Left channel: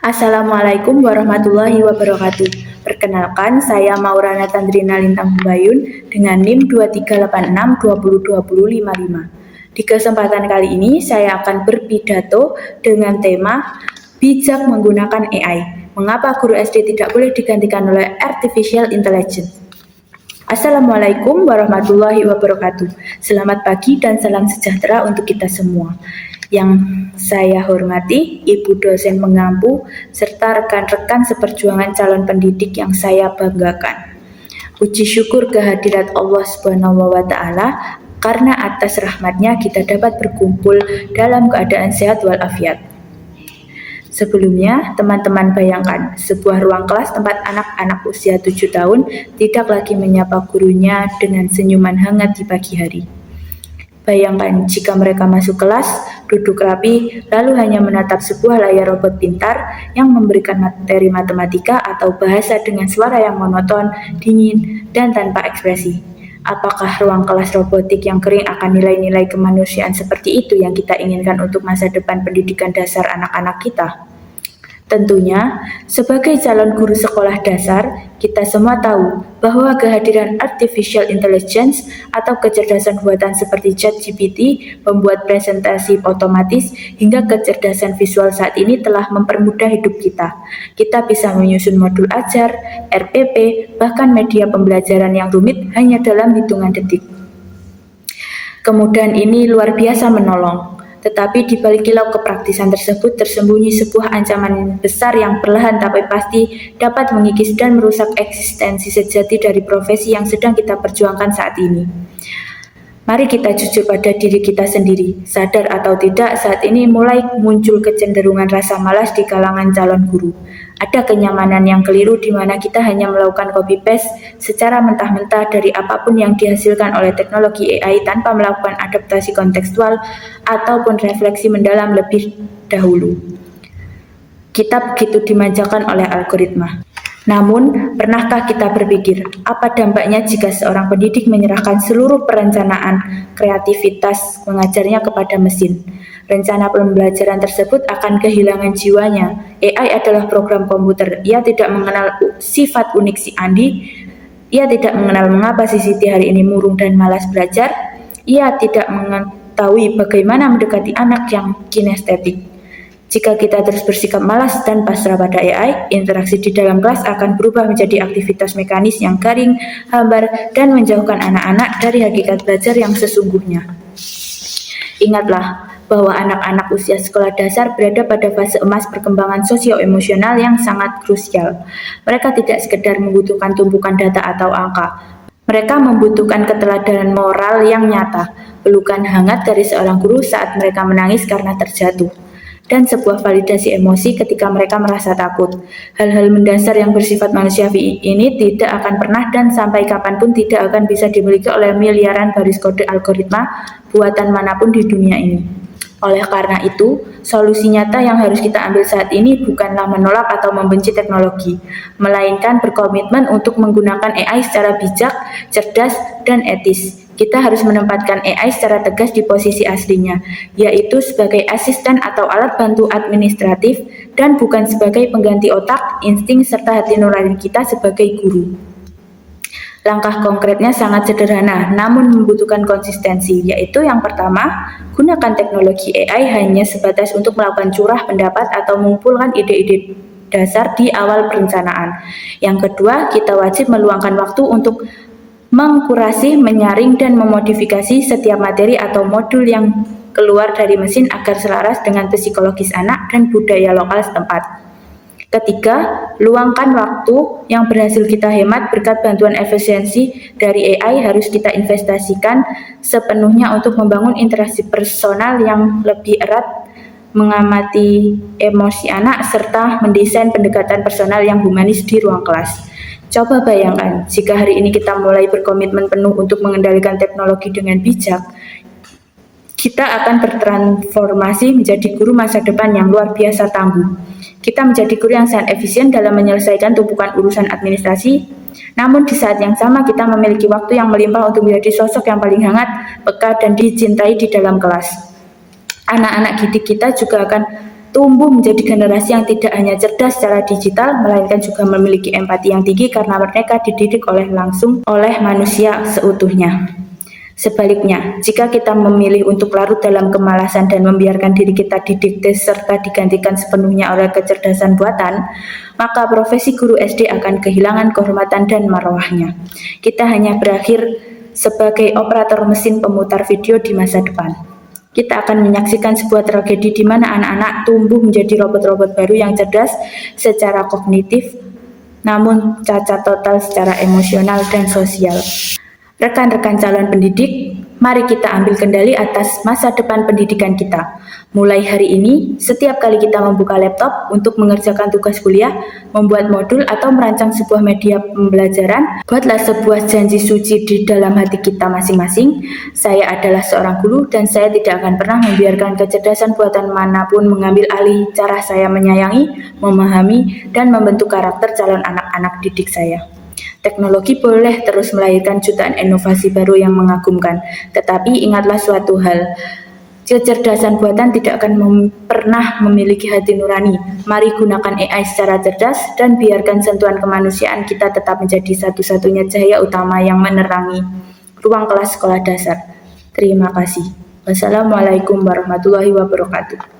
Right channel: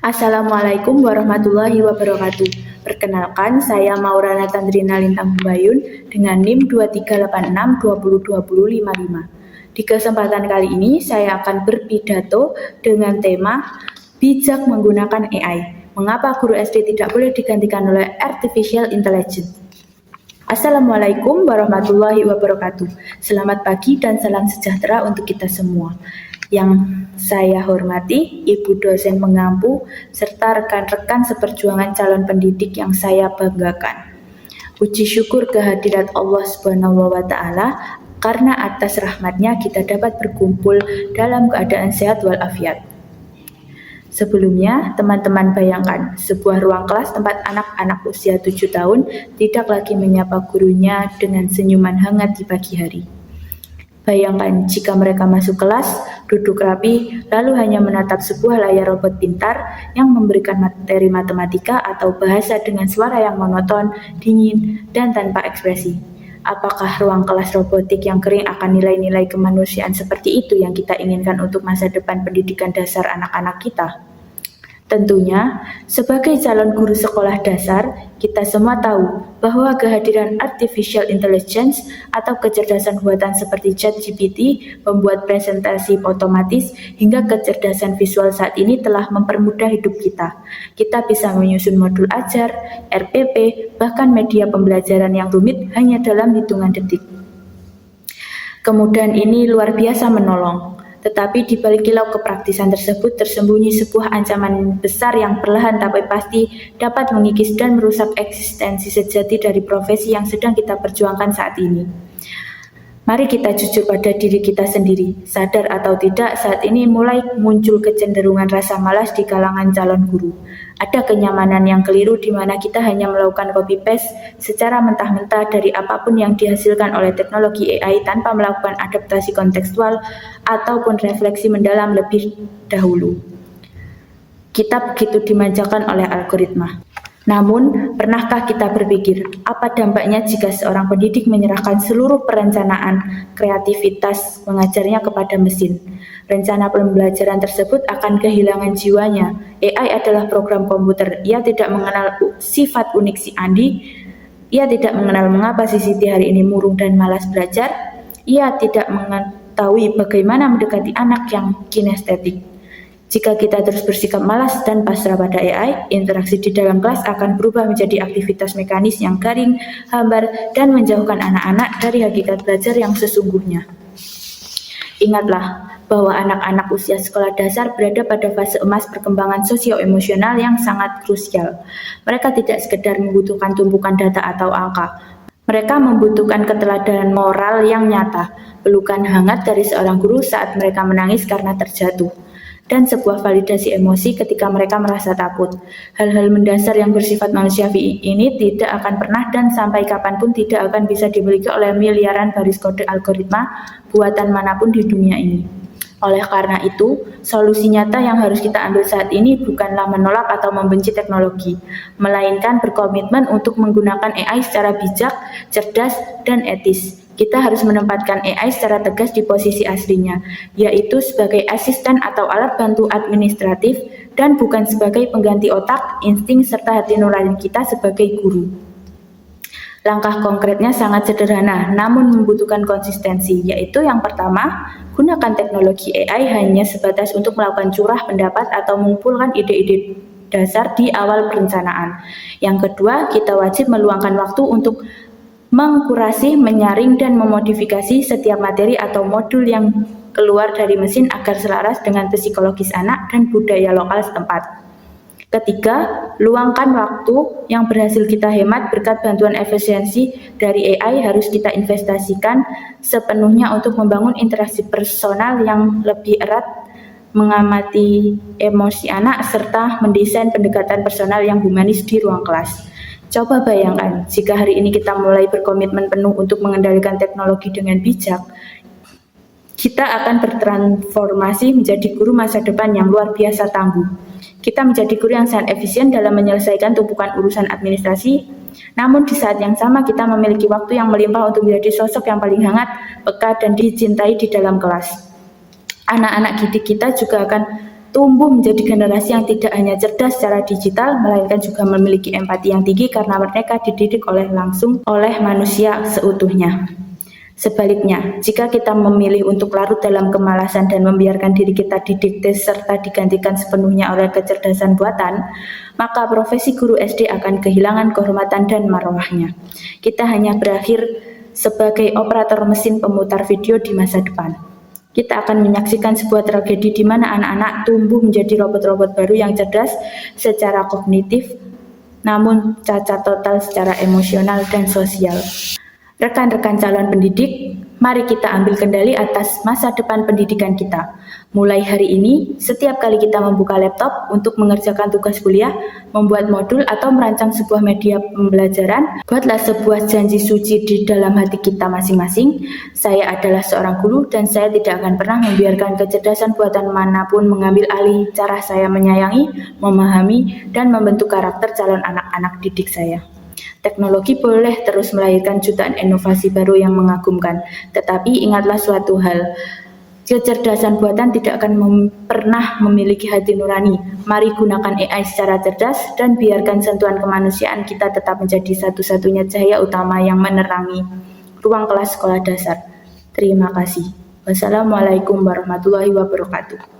Assalamualaikum warahmatullahi wabarakatuh. Perkenalkan, saya Maulana Tandrina Lintang Bayun dengan NIM 2386202055. Di kesempatan kali ini, saya akan berpidato dengan tema bijak menggunakan AI. Mengapa guru SD tidak boleh digantikan oleh Artificial Intelligence? Assalamualaikum warahmatullahi wabarakatuh. Selamat pagi dan salam sejahtera untuk kita semua. Yang saya hormati, Ibu dosen pengampu, serta rekan-rekan seperjuangan calon pendidik yang saya banggakan. Puji syukur kehadirat Allah Subhanahu wa Ta'ala, karena atas rahmatnya kita dapat berkumpul dalam keadaan sehat walafiat. Sebelumnya, teman-teman bayangkan sebuah ruang kelas tempat anak-anak usia 7 tahun tidak lagi menyapa gurunya dengan senyuman hangat di pagi hari. Bayangkan jika mereka masuk kelas, duduk rapi, lalu hanya menatap sebuah layar robot pintar yang memberikan materi matematika atau bahasa dengan suara yang monoton, dingin, dan tanpa ekspresi. Apakah ruang kelas robotik yang kering akan nilai-nilai kemanusiaan seperti itu yang kita inginkan untuk masa depan pendidikan dasar anak-anak kita? Tentunya, sebagai calon guru sekolah dasar, kita semua tahu bahwa kehadiran artificial intelligence atau kecerdasan buatan seperti ChatGPT, pembuat presentasi otomatis, hingga kecerdasan visual saat ini telah mempermudah hidup kita. Kita bisa menyusun modul ajar, RPP, bahkan media pembelajaran yang rumit hanya dalam hitungan detik. Kemudahan ini luar biasa menolong. Tetapi di balik kilau kepraktisan tersebut tersembunyi sebuah ancaman besar yang perlahan tapi pasti dapat mengikis dan merusak eksistensi sejati dari profesi yang sedang kita perjuangkan saat ini. Mari kita jujur pada diri kita sendiri. Sadar atau tidak, saat ini mulai muncul kecenderungan rasa malas di kalangan calon guru. Ada kenyamanan yang keliru di mana kita hanya melakukan copy-paste secara mentah-mentah dari apapun yang dihasilkan oleh teknologi AI tanpa melakukan adaptasi kontekstual ataupun refleksi mendalam lebih dahulu. Kita begitu dimanjakan oleh algoritma. Namun, pernahkah kita berpikir apa dampaknya jika seorang pendidik menyerahkan seluruh perencanaan kreativitas mengajarnya kepada mesin? Rencana pembelajaran tersebut akan kehilangan jiwanya. AI adalah program komputer. Ia tidak mengenal sifat unik si Andi. Ia tidak mengenal mengapa si Siti hari ini murung dan malas belajar. Ia tidak mengetahui bagaimana mendekati anak yang kinestetik. Jika kita terus bersikap malas dan pasrah pada AI, interaksi di dalam kelas akan berubah menjadi aktivitas mekanis yang garing, hambar, dan menjauhkan anak-anak dari hakikat belajar yang sesungguhnya. Ingatlah bahwa anak-anak usia sekolah dasar berada pada fase emas perkembangan sosio-emosional yang sangat krusial. Mereka tidak sekedar membutuhkan tumpukan data atau angka. Mereka membutuhkan keteladanan moral yang nyata, pelukan hangat dari seorang guru saat mereka menangis karena terjatuh, dan sebuah validasi emosi ketika mereka merasa takut. Hal-hal mendasar yang bersifat manusiawi ini tidak akan pernah dan sampai kapanpun tidak akan bisa dimiliki oleh miliaran baris kode algoritma buatan manapun di dunia ini. Oleh karena itu, solusi nyata yang harus kita ambil saat ini bukanlah menolak atau membenci teknologi, melainkan berkomitmen untuk menggunakan AI secara bijak, cerdas, dan etis. Kita harus menempatkan AI secara tegas di posisi aslinya, yaitu sebagai asisten atau alat bantu administratif dan bukan sebagai pengganti otak, insting, serta hati nurani kita sebagai guru. Langkah konkretnya sangat sederhana, namun membutuhkan konsistensi, yaitu yang pertama, gunakan teknologi AI hanya sebatas untuk melakukan curah pendapat atau mengumpulkan ide-ide dasar di awal perencanaan. Yang kedua, kita wajib meluangkan waktu untuk mengkurasi, menyaring, dan memodifikasi setiap materi atau modul yang keluar dari mesin agar selaras dengan psikologis anak dan budaya lokal setempat. Ketiga, luangkan waktu yang berhasil kita hemat berkat bantuan efisiensi dari AI harus kita investasikan sepenuhnya untuk membangun interaksi personal yang lebih erat, mengamati emosi anak, serta mendesain pendekatan personal yang humanis di ruang kelas. Coba bayangkan, jika hari ini kita mulai berkomitmen penuh untuk mengendalikan teknologi dengan bijak, kita akan bertransformasi menjadi guru masa depan yang luar biasa tangguh. Kita menjadi guru yang sangat efisien dalam menyelesaikan tumpukan urusan administrasi, namun di saat yang sama kita memiliki waktu yang melimpah untuk menjadi sosok yang paling hangat, peka, dan dicintai di dalam kelas. Anak-anak didik kita juga akan tumbuh menjadi generasi yang tidak hanya cerdas secara digital, melainkan juga memiliki empati yang tinggi karena mereka dididik langsung oleh manusia seutuhnya. Sebaliknya, jika kita memilih untuk larut dalam kemalasan dan membiarkan diri kita didikte serta digantikan sepenuhnya oleh kecerdasan buatan, maka profesi guru SD akan kehilangan kehormatan dan marwahnya. Kita hanya berakhir sebagai operator mesin pemutar video di masa depan. Kita akan menyaksikan sebuah tragedi di mana anak-anak tumbuh menjadi robot-robot baru yang cerdas secara kognitif, namun cacat total secara emosional dan sosial. Rekan-rekan calon pendidik, mari kita ambil kendali atas masa depan pendidikan kita. Mulai hari ini, setiap kali kita membuka laptop untuk mengerjakan tugas kuliah, membuat modul atau merancang sebuah media pembelajaran, buatlah sebuah janji suci di dalam hati kita masing-masing. Saya adalah seorang guru dan saya tidak akan pernah membiarkan kecerdasan buatan manapun mengambil alih cara saya menyayangi, memahami, dan membentuk karakter calon anak-anak didik saya. Teknologi boleh terus melahirkan jutaan inovasi baru yang mengagumkan, tetapi ingatlah suatu hal, kecerdasan buatan tidak akan pernah memiliki hati nurani. Mari gunakan AI secara cerdas dan biarkan sentuhan kemanusiaan kita tetap menjadi satu-satunya cahaya utama yang menerangi ruang kelas sekolah dasar. Terima kasih. Wassalamualaikum warahmatullahi wabarakatuh.